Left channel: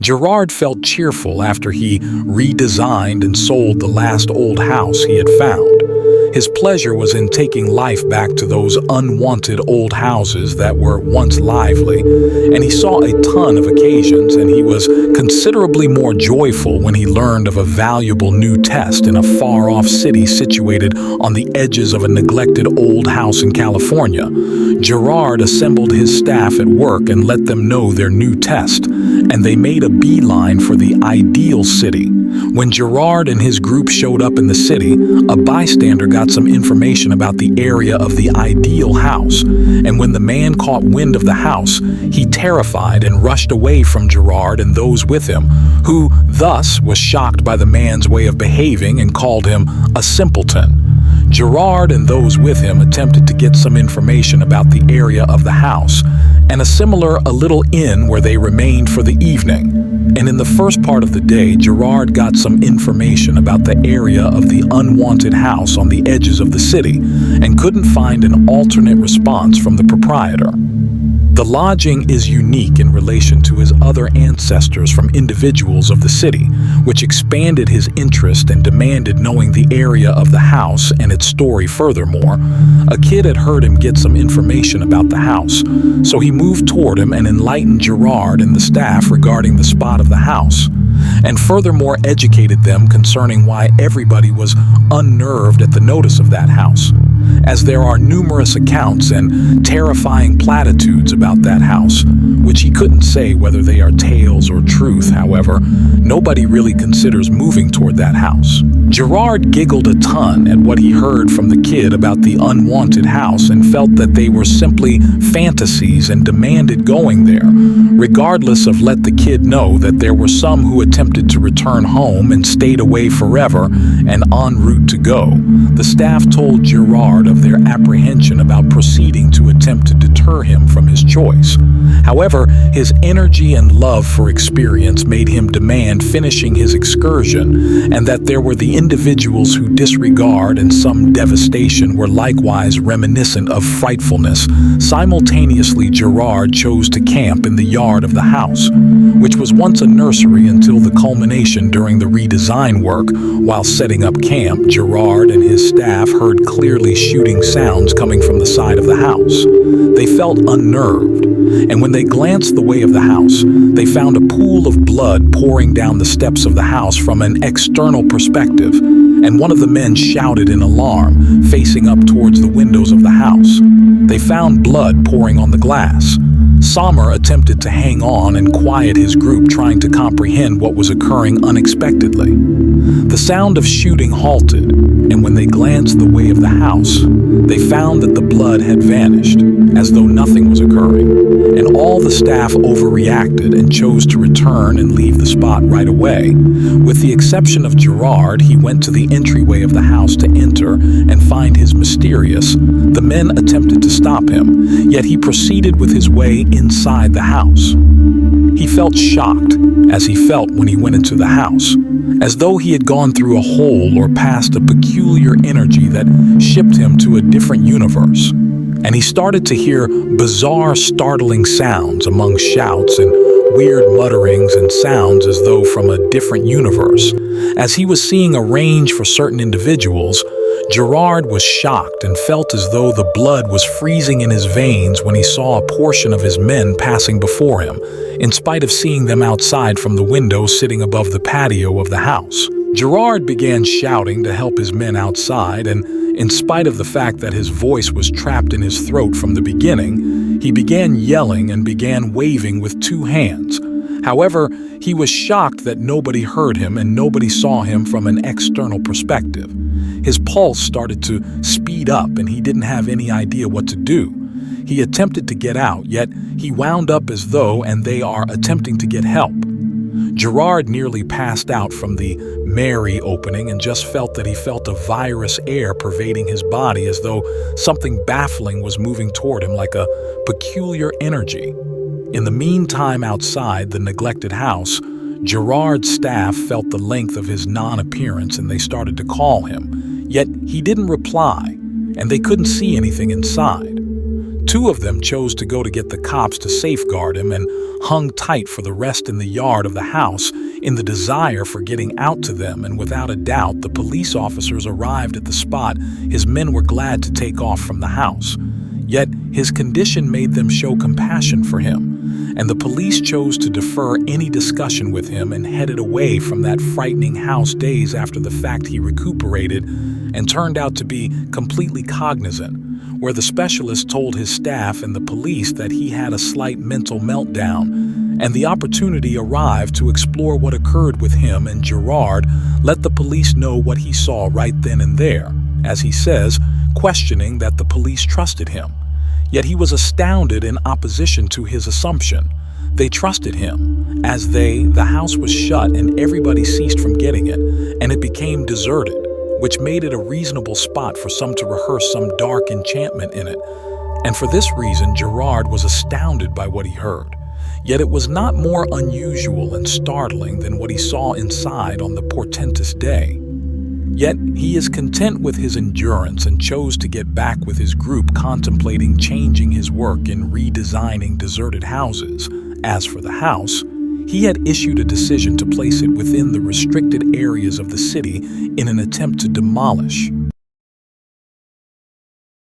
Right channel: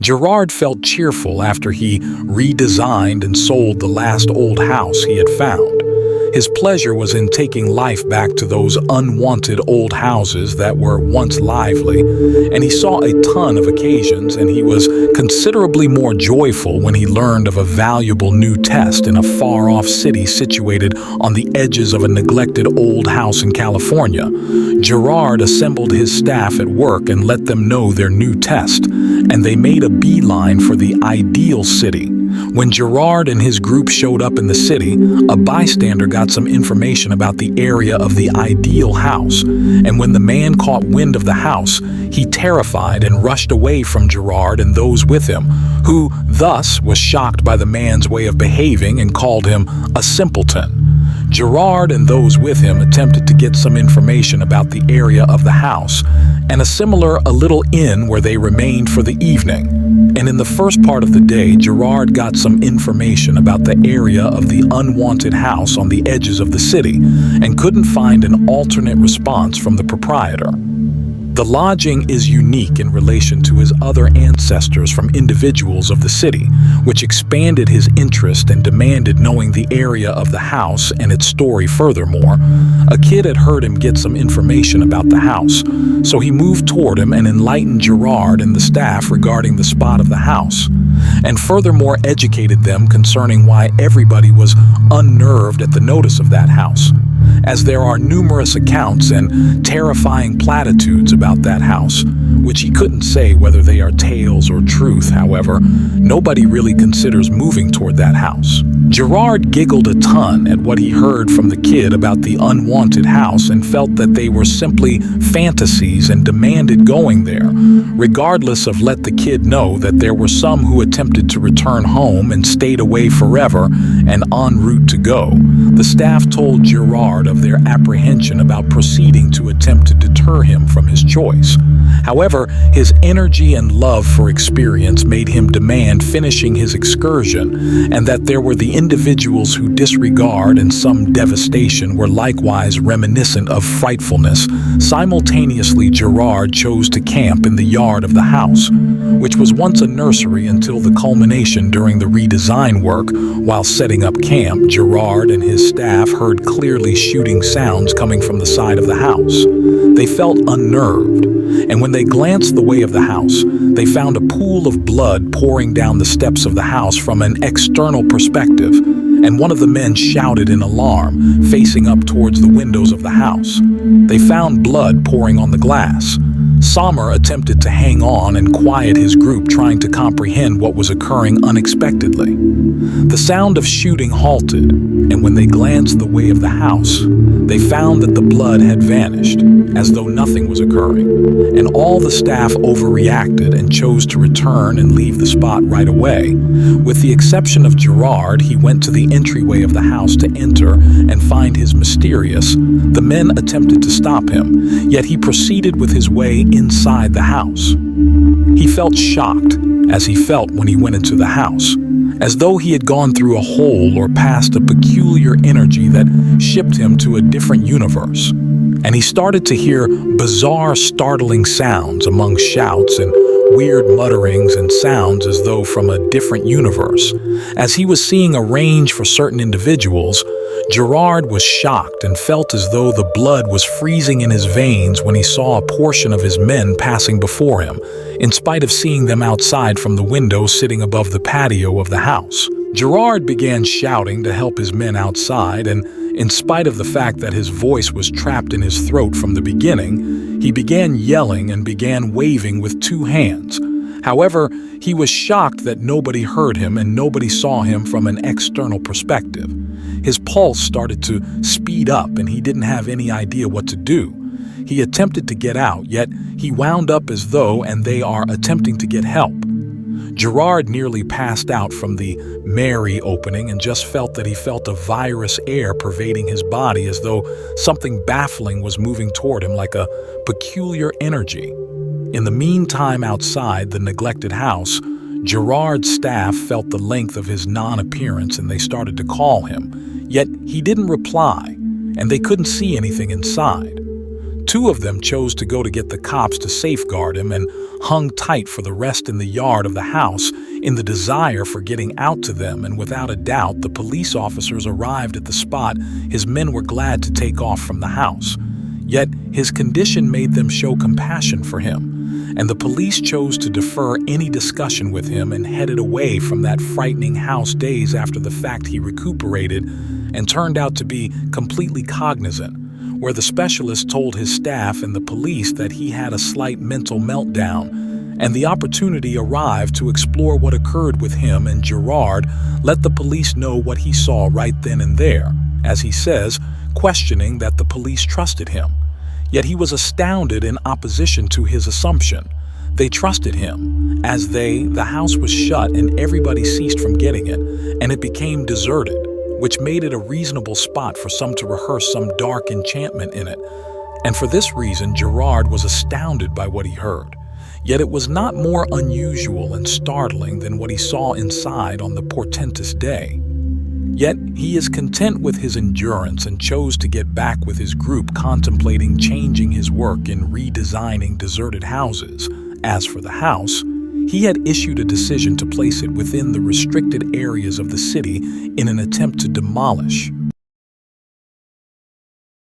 Gerard felt cheerful after he redesigned and sold the last old house he had found. His pleasure was in taking life back to those unwanted old houses that were once lively, and he saw a ton of occasions, and he was considerably more joyful when he learned of a valuable new test in a far-off city situated on the edges of a neglected old house in California. Gerard assembled his staff at work and let them know their new test, and they made a beeline for the ideal city. When Gerard and his group showed up in the city, a bystander got some information about the area of the ideal house, and when the man caught wind of the house, he terrified and rushed away from Gerard and those with him, who thus was shocked by the man's way of behaving and called him a simpleton. Gerard and those with him attempted to get some information about the area of the house and a little inn where they remained for the evening. And in the first part of the day, Gerard got some information about the area of the unwanted house on the edges of the city and couldn't find an alternate response from the proprietor. The lodging is unique in relation to his other ancestors from individuals of the city, which expanded his interest and demanded knowing the area of the house and its story furthermore. A kid had heard him get some information about the house, so he moved toward him and enlightened Gerard and the staff regarding the spot of the house, and furthermore educated them concerning why everybody was unnerved at the notice of that house, as there are numerous accounts and terrifying platitudes about that house, which he couldn't say whether they are tales or truth. However, nobody really considers moving toward that house. Gerard giggled a ton at what he heard from the kid about the unwanted house and felt that they were simply fantasies and demanded going there, regardless of let the kid know that there were some who attempted to return home and stayed away forever and en route to go. The staff told Gerard of their apprehension about proceeding to attempt to deter him from his choice. However, his energy and love for experience made him demand finishing his excursion, and that there were the individuals who disregard and some devastation were likewise reminiscent of frightfulness. Simultaneously, Gerard chose to camp in the yard of the house, which was once a nursery until the culmination during the redesign work. While setting up camp, Gerard and his staff heard clearly shooting sounds coming from the side of the house. They felt unnerved, and when they glanced the way of the house, they found a pool of blood pouring down the steps of the house from an external perspective, and one of the men shouted in alarm, facing up towards the windows of the house. They found blood pouring on the glass. Sommer attempted to hang on and quiet his group, trying to comprehend what was occurring unexpectedly. The sound of shooting halted, and when they glanced the way of the house, they found that the blood had vanished, as though nothing was occurring, and all the staff overreacted and chose to return and leave the spot right away. With the exception of Gerard, he went to the entryway of the house to enter and find his mysterious. The men attempted to stop him, yet he proceeded with his way inside the house. He felt shocked, as he felt when he went into the house, as though he had gone through a hole or passed a peculiar energy that shipped him to a different universe. And he started to hear bizarre, startling sounds among shouts and weird mutterings and sounds as though from a different universe. As he was seeing a range for certain individuals, Gerard was shocked and felt as though the blood was freezing in his veins when he saw a portion of his men passing before him, in spite of seeing them outside from the window sitting above the patio of the house. Gerard began shouting to help his men outside, and in spite of the fact that his voice was trapped in his throat from the beginning, he began yelling and began waving with two hands. However, he was shocked that nobody heard him and nobody saw him from an external perspective. His pulse started to speed up and he didn't have any idea what to do. He attempted to get out, yet he wound up as though and they are attempting to get help. Gerard nearly passed out from the Mary opening and just felt that he felt a virus air pervading his body, as though something baffling was moving toward him like a peculiar energy. In the meantime, outside the neglected house, Gerard's staff felt the length of his non-appearance and they started to call him, yet he didn't reply, and they couldn't see anything inside. Two of them chose to go to get the cops to safeguard him and hung tight for the rest in the yard of the house in the desire for getting out to them, and without a doubt, the police officers arrived at the spot. His men were glad to take off from the house. Yet his condition made them show compassion for him, and the police chose to defer any discussion with him and headed away from that frightening house days after the fact. He recuperated and turned out to be completely cognizant, where the specialist told his staff and the police that he had a slight mental meltdown, and the opportunity arrived to explore what occurred with him, and Gerard let the police know what he saw right then and there, as he says, questioning that the police trusted him. Yet he was astounded in opposition to his assumption. They trusted him, as the house was shut and everybody ceased from getting it, and it became deserted, which made it a reasonable spot for some to rehearse some dark enchantment in it. And for this reason, Gerard was astounded by what he heard. Yet it was not more unusual and startling than what he saw inside on the portentous day. Yet he is content with his endurance and chose to get back with his group, contemplating changing his work in redesigning deserted houses. As for the house, he had issued a decision to place it within the restricted areas of the city in an attempt to demolish